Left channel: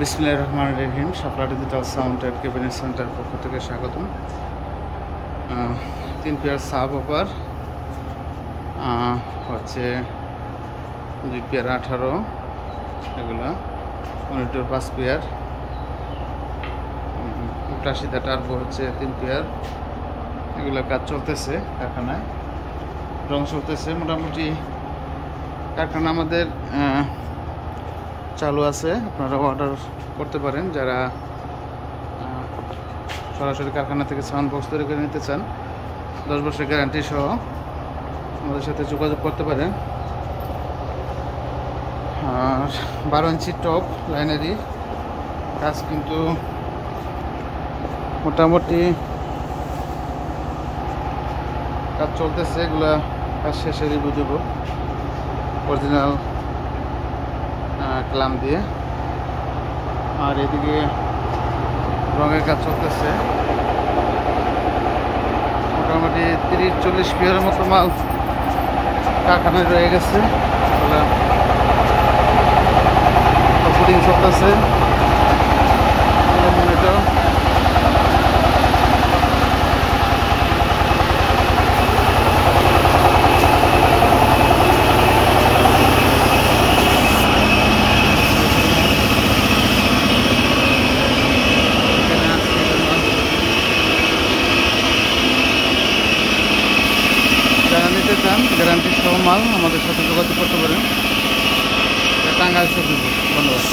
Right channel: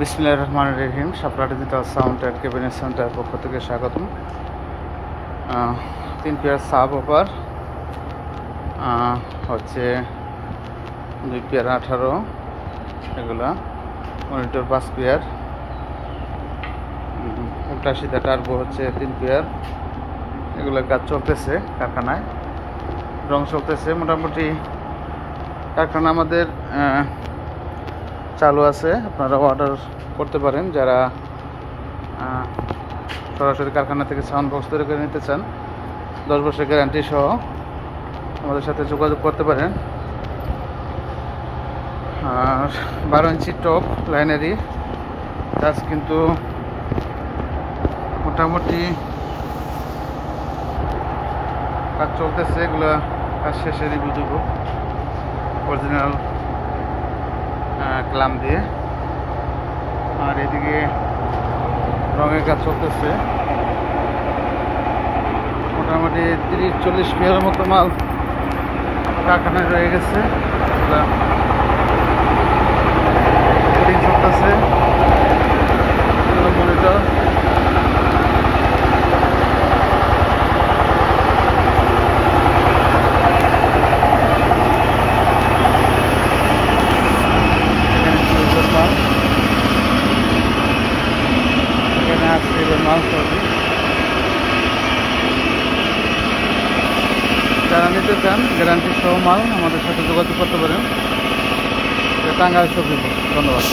বিসমিল্লাহির রহমানির রহিম। Shapla digital sound and cabinet centre পক্ষ থেকে স্বাগতম। 3 পেয়ার সাব ওভার হচ্ছে 2 পেয়ার 18, এগুলা মনিটর 5 পেয়ার, উল্টা সিধা টার্বো হচ্ছে 3 পেয়ার। এগুলো কাজ চলতেছে কারখানায়, রং চলতেছে মোটামুটি। কারখানা আমাদের চালু আছে, আপনারা অর্ডার করতে পারেন। যারা সরাসরি কারখানা থেকে সাউন্ড বক্স তৈরি করে নিতে চান 10 বছরের গ্যারান্টি সহ আমাদের সাথে যোগাযোগ করতে পারেন। আর 12 ইঞ্চি টপ লাইনারি কাজ কিন্তু মোটামুটি কাজ চলতেছে। এগুলা কাজ শেষে রিভিউ দেব অরিজিনাল ক্লাম দিয়ে। আর এদিকে রঙের কাজ চলতেছে, মোটামুটি 30-40 পেয়ারের মতো মাল কারখানায় রয়ে গেছে। এগুলা পুডিং চলতেছে, এগুলো মনিটর। যারা নিতে চান গ্যারান্টি সহ মাল আমাদের সাথে যোগাযোগ করতে পারেন। টাঙ্গাইল সবজি। ধন্যবাদ।